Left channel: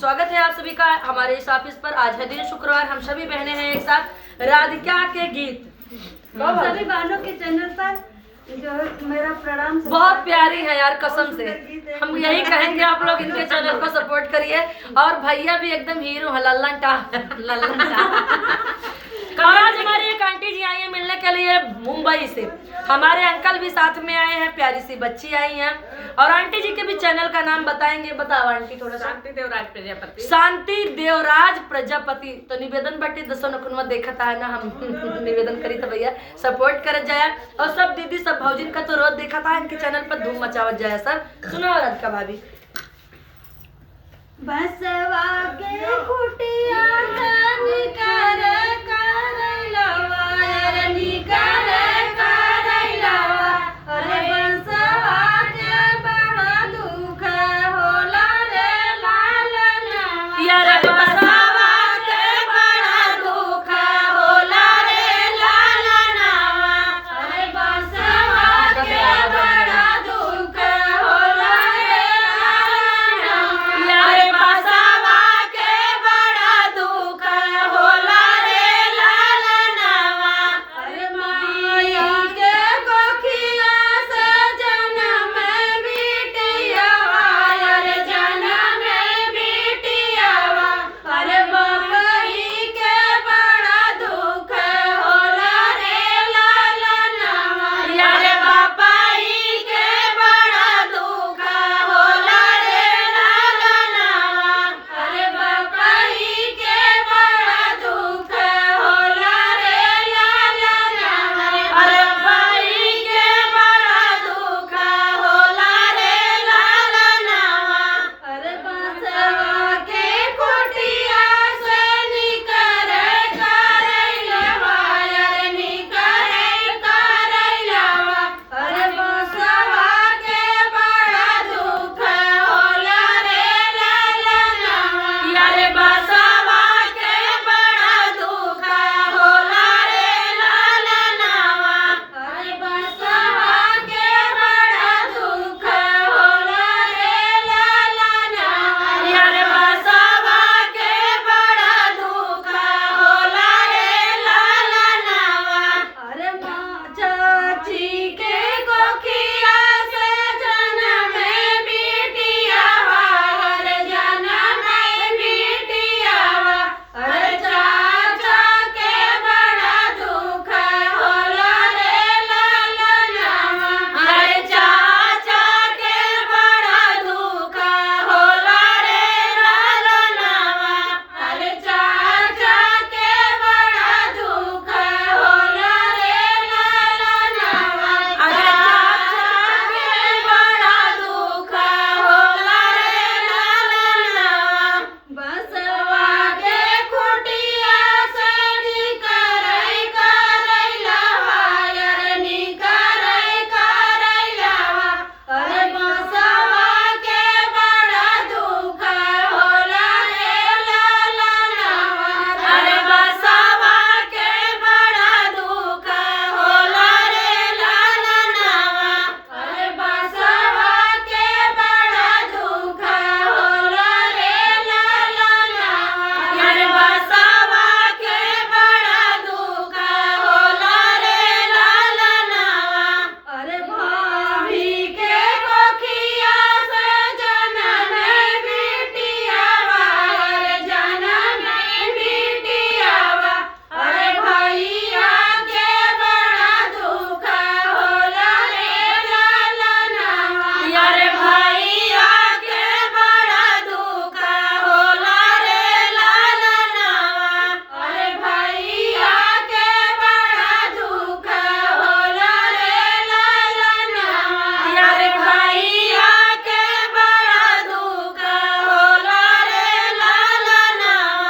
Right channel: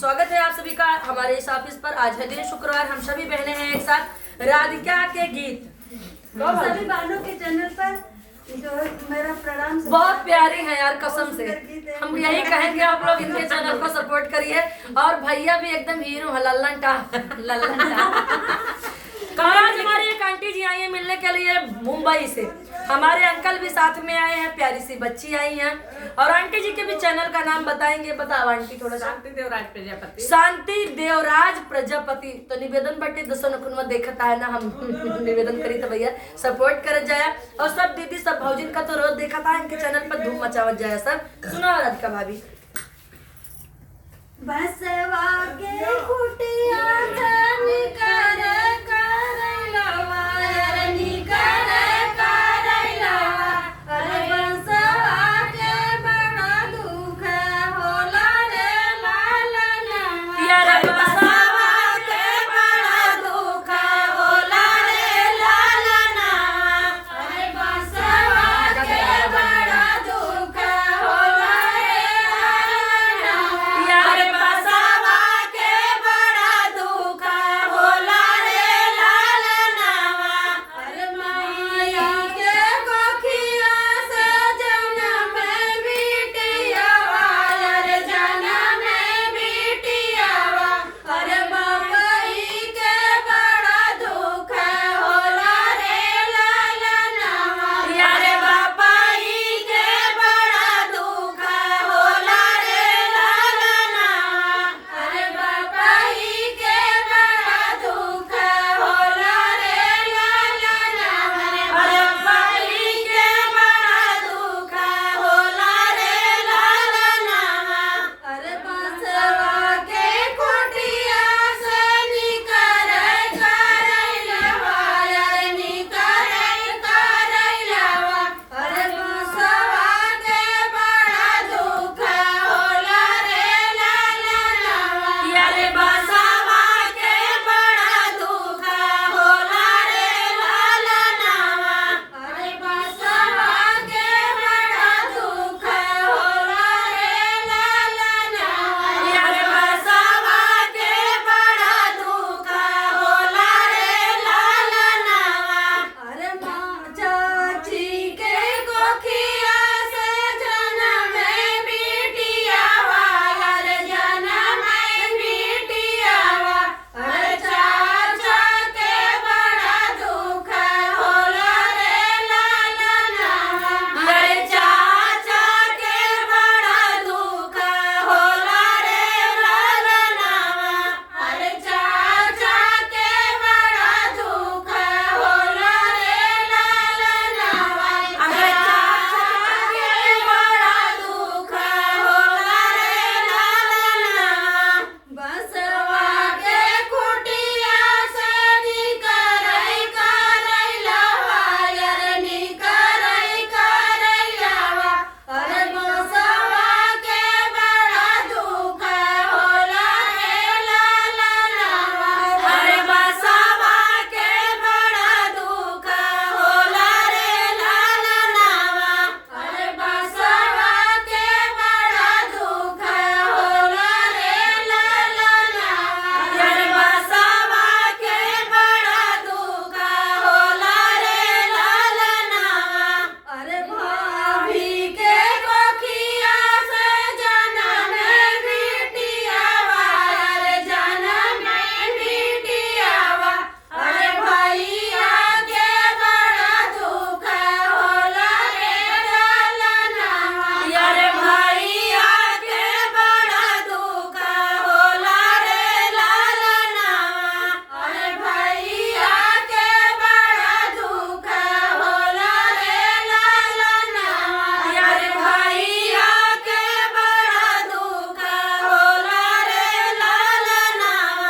स्वागत है आप सभी का हमारे इस ऑफिस पर। आज है दिन शुक्रवार, हम सभी बहनें हैं एक साथ। राधिका के गीत सभी बहनों के चैनल पर जो मेरा प्रणाम। बहुत प्यारी है यार, कसम से हम यही कहेंगे, आप लोग इनके चैनल को सपोर्ट करिए। और भैया भी एकदम हीरो है, लल्लन और आज हमारी एक आंटी जी आई है मिलने के लिए मुंबई से। हमारे अंकल भी साथ में आए हैं, प्यारी सी बच्ची आई है। और आंटी जी के भी चैनल का नाम बताएंगे। बताओ आंटी थोड़ा सा। शांति देवराज प्रजापति। शांति देवराज प्रजापति। तो निवेदन बटे दसों नखुनवा देखता है ना, हम निवेदन करी तो भैया सपोर्ट कर जाए। और सब दीदी सब भौजिन का तो रोज देखा था, इनके चैनल पर धूम मचावत जाए सर। सुनो राधिका भाभी। बसवा के कुटिया धनी कर करैलवा रनी कर करैलवा। अरे बसवा के बड़ा दुख होला रे लालनवा। यार बसवा के बड़ा दुख होला रे लालनवा। अरे बसवा के बड़ा दुख होला रे लालनवा। यार बसवा के बड़ा दुख होला रे लालनवा। अरे माया के कोखिया से जन्म बिटियावा। अरे जन्म बिटियावा। अरे मकई के बड़ा दुख होला रे लालनवा। अरे बापाई के बड़ा दुख होला रे लालनवा। अरे बापाई के बड़ा दुख होला रे लालनवा। अरे बापाई के बड़ा दुख होला रे लालनवा। अरे बसवा के कुटिया से निकर करैलवा। अरे निकर करैलवा। अरे बसवा के बड़ा दुख होला रे लालनवा। अरे बसवा के बड़ा दुख होला रे लालनवा। अरे बसवा के बड़ा दुख होला रे लालनवा। अरे बसवा के बड़ा दुख होला रे लालनवा। अरे माँ चाची के कोखिया से जन्म बिटियावा। अरे जन्म बिटियावा। अरे चाचा के बड़ा दुख होला रे लालनवा। अरे चाचा के बड़ा दुख होला रे लालनवा। अरे चाचा के बड़ा दुख होला रे लालनवा। अरे चाचा के बड़ा दुख होला रे लालनवा। बसवा के कुटिया से निकरै करैलवा। अरे निकरै करैलवा। अरे बसवा के बड़ा दुख होला रे लालनवा। अरे बसवा के बड़ा दुख होला रे लालनवा। अरे बसवा के बड़ा दुख होला रे लालनवा। अरे बसवा के बड़ा दुख होला रे लालनवा। अरे भाभी के कोखिया से जन्म बिटियावा। अरे जन्म बिटियावा। अरे भैया के बड़ा दुख होला रे लालनवा। अरे भैया के बड़ा दुख होला रे लालनवा। अरे भैया के बड़ा दुख होला रे लालनवा। अरे भैया के बड़ा दुख होला रे लालनवा।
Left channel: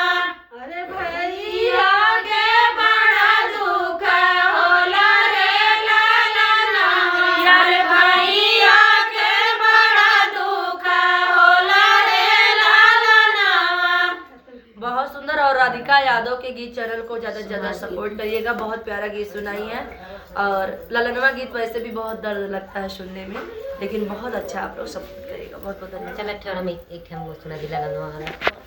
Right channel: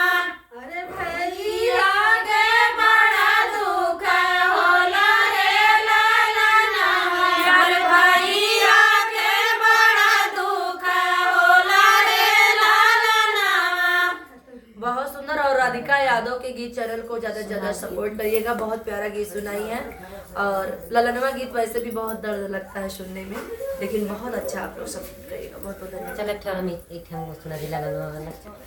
अरे भैया के बड़ा दुख होला रे लालनवा। अरे भैया के बड़ा दुख होला रे लालनवा। बहुत सुंदर। और राधिका यादव के गीत चैनल को ज्यादा से ज्यादा सपोर्ट करिएगा। बहुत प्यारा गीत सुनाई है। और ललनवा गीत वैसे भी बहुत दर्द लगता है सुनने में, लेकिन बहुत अच्छा आप लोग सपोर्ट करिएगा। बहुत बहुत धन्यवाद। चल एक ठो हम एक ठो सुना दिला गनवा वाला।